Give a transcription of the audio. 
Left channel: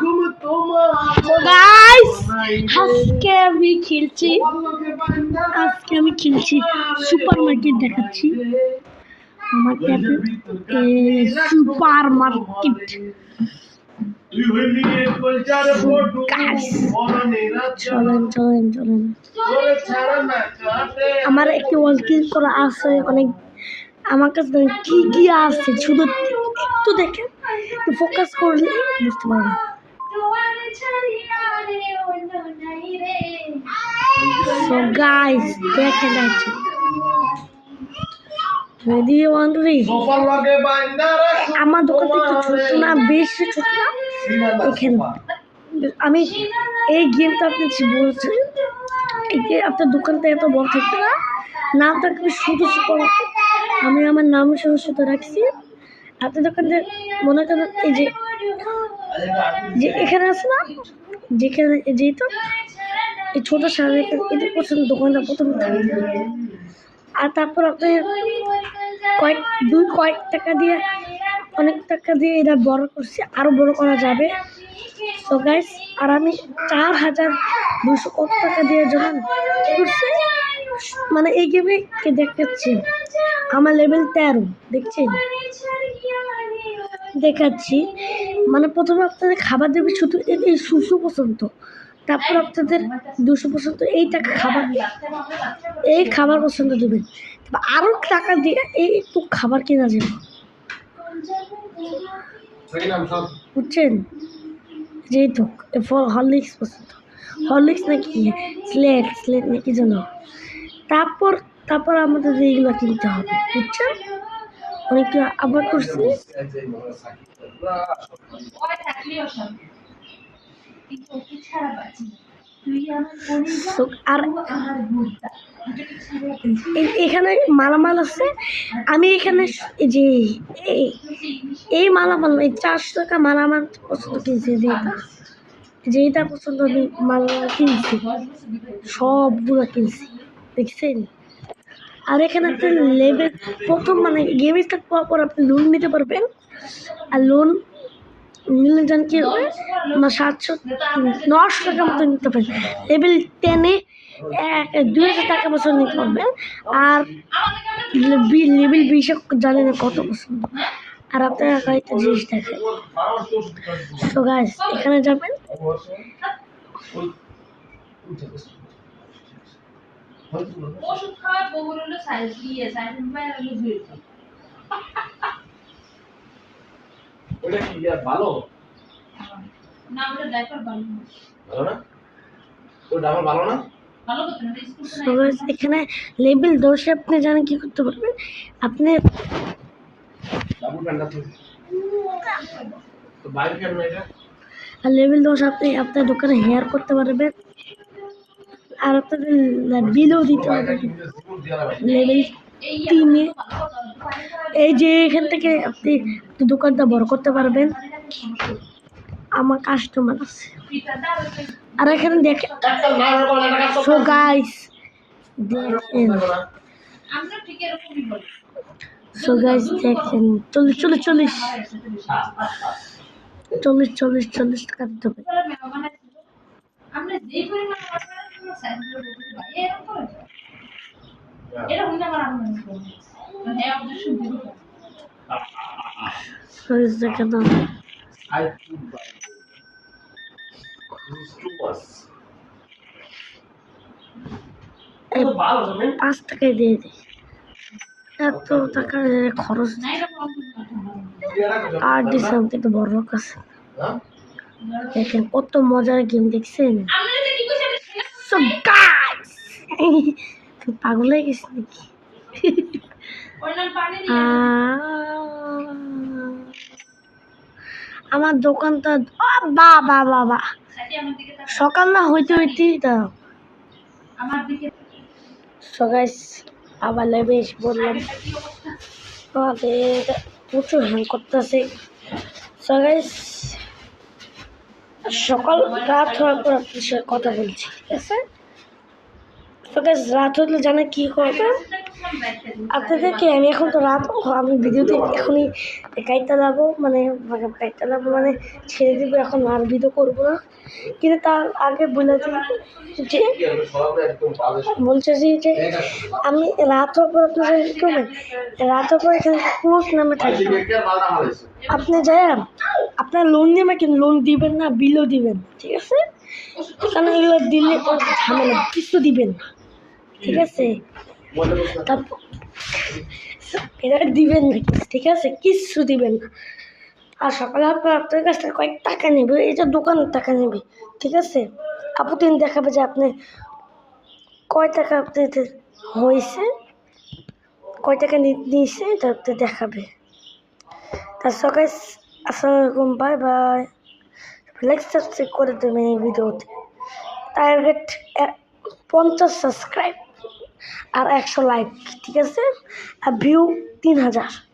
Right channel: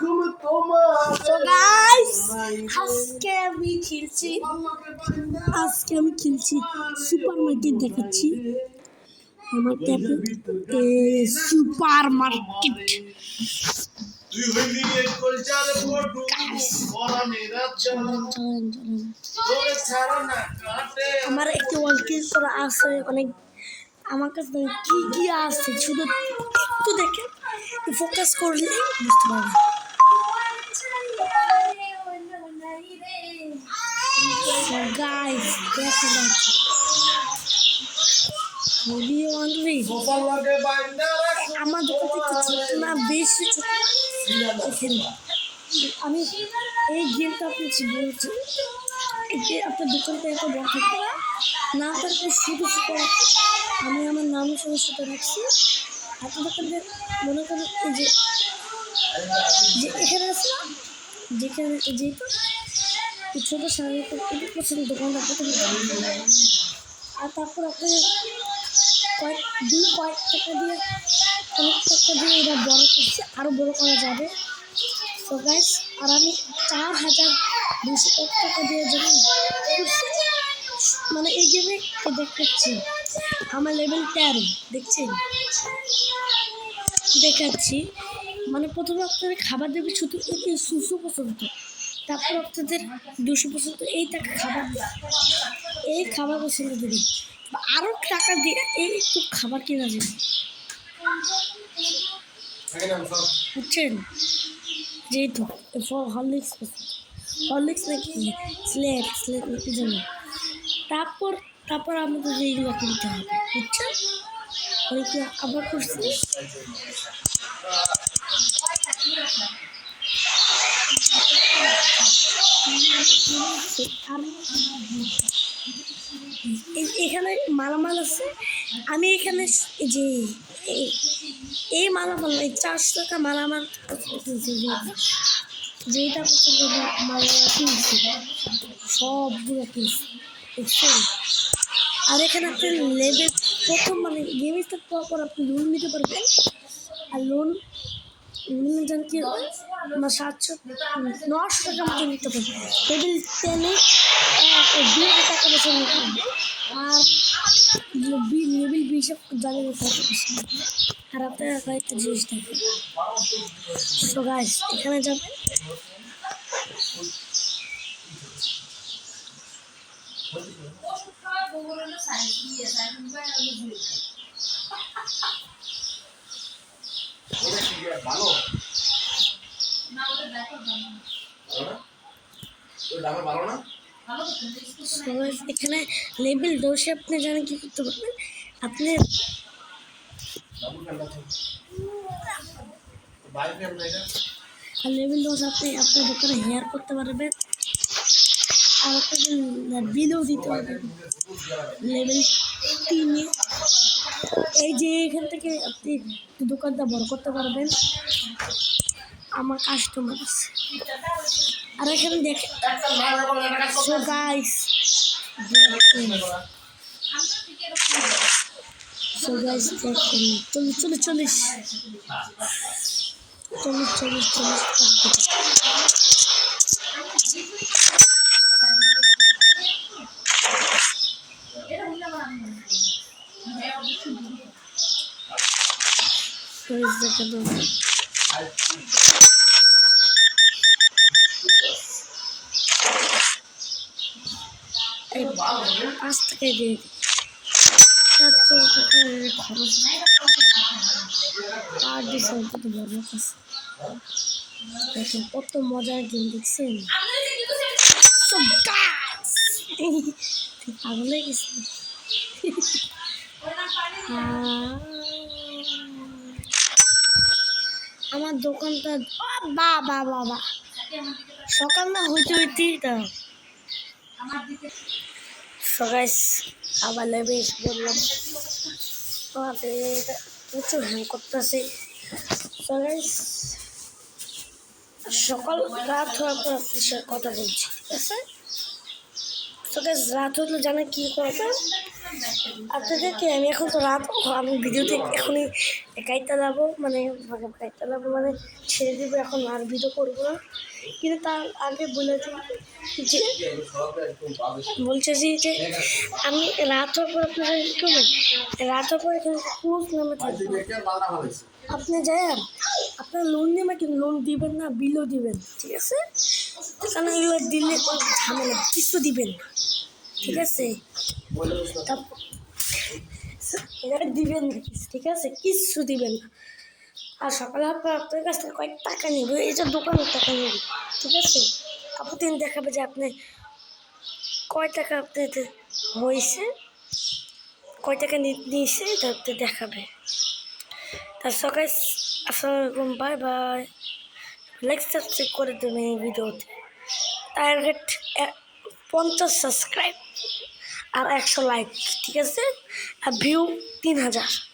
তো গাইস আজকে আমি খেলছি সুপার মার্কেট দেখাচ্ছি আমার ট্যাবে সুপার মার্কেট চলেন আমার একটি ওয়ালকিল করা আছে অনেক আমার কাছে কি কি আছে শুধু একটু দেখেন ফোকাস করলে বুঝতে পারবেন So guys, দেখেন রেডি 1 2 3 আমার দোকানটা একটু ছোট না বেশি ছোট না এখানে আমি এই গেমটা আপনাকে বলছি এই আপনার দোকানটা এত বড় থাকবে না নাম থাকবে শুধু আমি আমার নামের সাথে রাখছি আপনার দোকানে মনে করেন এই যে এখানে আছে না যেখানে যেহেতু এই ছোটো সামনে এটা পছন্দ দোকানটা প্রথম আর তারপর আপনি কয়েক টাকা দিয়ে অনেক টাকা দিয়ে এটা বড় করছে আরও বড় করা যাবে তো গাইস আর আমি 4,200 কত টাকা দিয়ে যখন করছে মানে এই গেমে দেখাচ্ছি আমার লেভেল 13 দেখছেন দেখাচ্ছি মানে প্রথমে আপনাদের খাবার দেবে শুধু এই সুসু পছন্দ তারপর আপনাদের 200 পছন্দ এই টাকা খাবার পছন্দ দেবেন আরও টাকা দিয়ে এই একটু খাবার কেনা যাবে বুঝছেন যেহেতু হরলিক্স পছন্দ হরলিক্স নাকি স্লেট নাকি জন্য তারপর আমাদের এইগুলো কিনতে হবে বুঝছেন অনেকগুলো আবার করছি আর এখানে মালামাল আছে আমি এখানে যে এই মালামাল এই 400 টাকা মালামাল পছন্দ কিনছি যেটা পছন্দ মালামাল কিনছি সবগুলো কিনছি দেখছেন আর এখানে একটা লেভেল প্রথম মানে গেমে থাকার পর আপনি লোন নিতে পারবেন আর লোন নিলে যান কি হবে আমার 900 টাকা মতো নিতে পারবেন লেভেল 10-এ 2,000 টাকা বছর নিতে পারবে আর লেভেল 20-এ জানি না কত বছর আর আপনার একটা জিনিস দেখেন সো গাইস এখানে যাবেন ওষুধ খাওয়ার বউর হলো সাইজ দিয়ে সাইজ মোবাইল হলো দুই ওটা কি ভালো না ওটা দেখো ভালো না ওটা আমার ভালো না ভালো করতে না এখানে লেভেল 10 আপনি জানেন কি করতে পারবেন আপনি ডাবল প্যান্ডা তো বাইরে কেন এটা আর লেভেল 10 আপনি আপনার দোকানে হেয়ার করতে পারবেন আর আপনাদের বিলও দিতে হবে লেভেল 3-এ এই যে এখান থেকে আপনি দোকানটা বড় করতে পারবেন আমার কাস্টমার আছে আর এখানে দেখেন সো গাইস দেখেন চল্লিশ পাঁচ টাকায় দিয়ে দিই 70 টাকা খরচ আর দিলাম কিন্তু বড় কাছে দেখেন কত মজার গেম দেখছেন পাগল হয়ে গেছি আমার দোকানটা বাবা সকাল না হইতেই দাও সবাই আবার লেবেশ বললাম আমাদের প্রচুর হ্যাং করতেছে সবাই সকাল রাত হওয়ার পর আপনার সাথে কথা বলছি ঠিক আছে তো গাইস রাত হলে জানে কি করবে আপনাদেরকে আমি এখন তো রাত আমি ভিডিওতে এখনই কাইটা লাবো মানে কাইটা লাবো মানে ছেড়ে দেবো এখন আর ভিডিও করবো না কিন্তু তার আগে বলেছি যে বলছে যে আমি রাত হওয়ার পর আপনারা করবেন রাত হওয়ার পর এখানে ক্লোজ নামে থাকবে আপনি যাই আপনার লোন নেবেন কিন্তু লোন দিবেন না বিলও দিবেন ঠিক আছে কারণ এগুলো দিলে ঝামেলা কিছু দিবেন না ঠিক আছে তারপর এটা দিবেন না ঠিক আছে কিচ্ছু দিবেন না আর সকালে আপনার কাছ থেকে কয়েক টাকা নেবে এটা দোকানের টাকা নেবে ঠিক আছে প্রতিদিন দেখাবে যে আপনি কয় টাকা আপনাদের হয়েছে কয় টাকা নিয়েছে এটা আপনি দেখাবে তার সকালে আসসালামু আলাইকুম বাই বাই লাইক সাবস্ক্রাইব করে দেবেন এই ভিডিওতে টার্গেট 50 সাবস্ক্রাইব আর 100 লাইক ঠিক আছে আর ভিউ 3000